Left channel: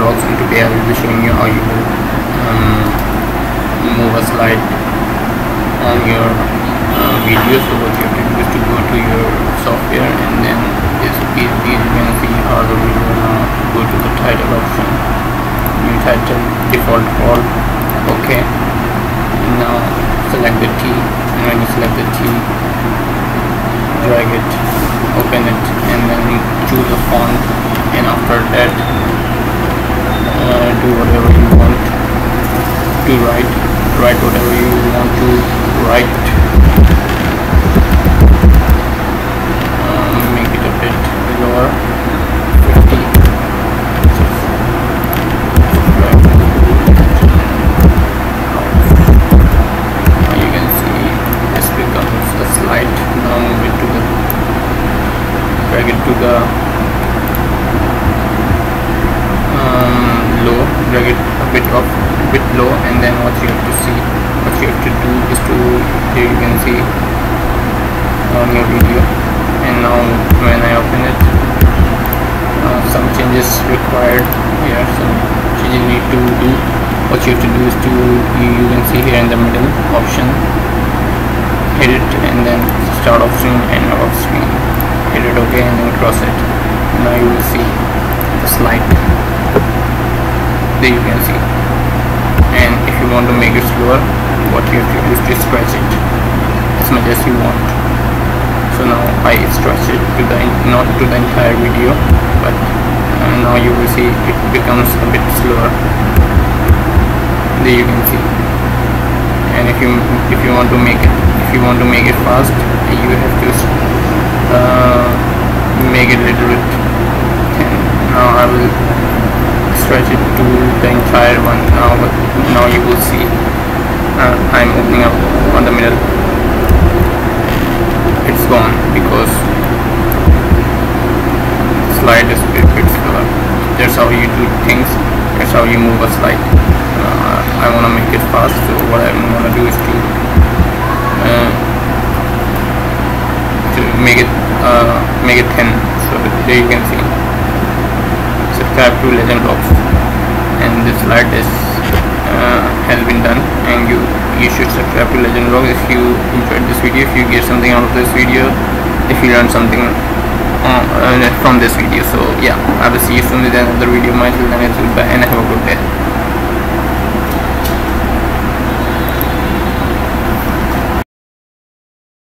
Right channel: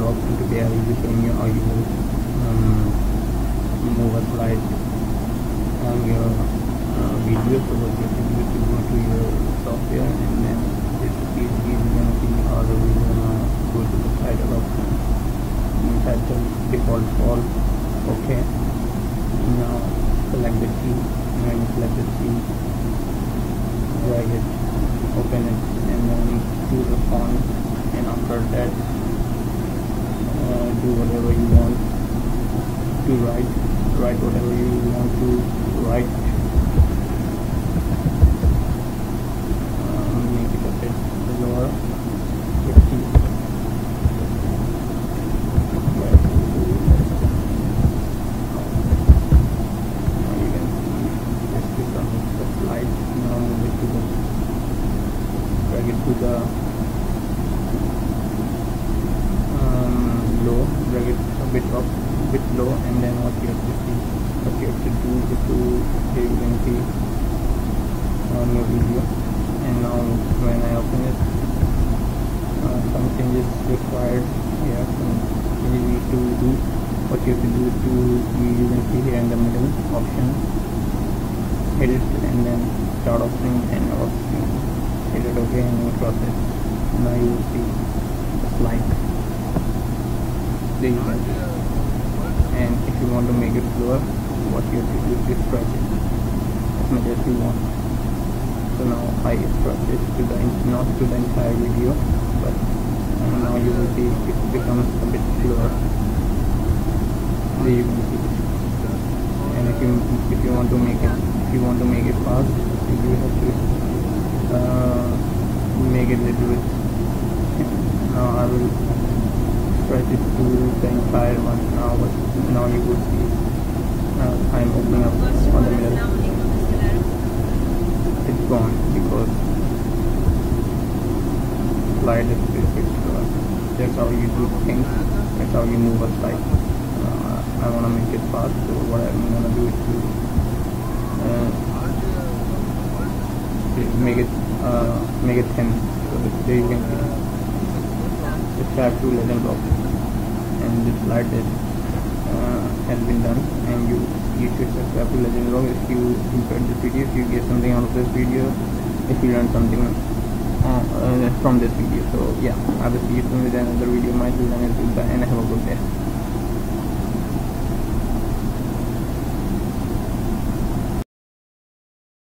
vlogs, and today I will be showing you how you will move a slide on your video. So what you have to do is to go to your software, and then this you can see how the video. Now go to the title option, new title, default all, okay. Now select the T, and when you select the T, drag it, open it, and then choose a font, and after that do whatever you want to write whatever you want to write. Make it a bit lower, 50. You can see this becomes a slide. Now move it to the, drag it to the low, drag it a bit low, and then what you have to do is to, here you can see on your video. And now when I open it, some changes required here, some changes need to do. What you have to do is to, you can see here in the middle option, hit it, and then start off screen and out of screen, hit it, okay, and then cross it. Now you will see the slide. There you can see. And if you want to make it slower, what you have to do is to stretch it as much as you want. So now I stretch it to the, not to the entire video, but now you will see it becomes a bit slower. There you can see. And if you want to make it fast, you have to make it a little bit. And now I will stretch it to the entire one. Now you will see I'm opening up on the middle. It's gone because slide is a bit slower. That's how you do things. That's how you move a slide. I want to make it fast, so what I'm going to do is to make it thin. So there you can see. Subscribe to Legend Vlogs, and this slide is has been done. And you should subscribe to Legend Vlogs if you enjoyed this video, if you get something out of this video, if you learned something from this video. So yeah, I will see you soon with another video. Myself, and goodbye, and have a good day.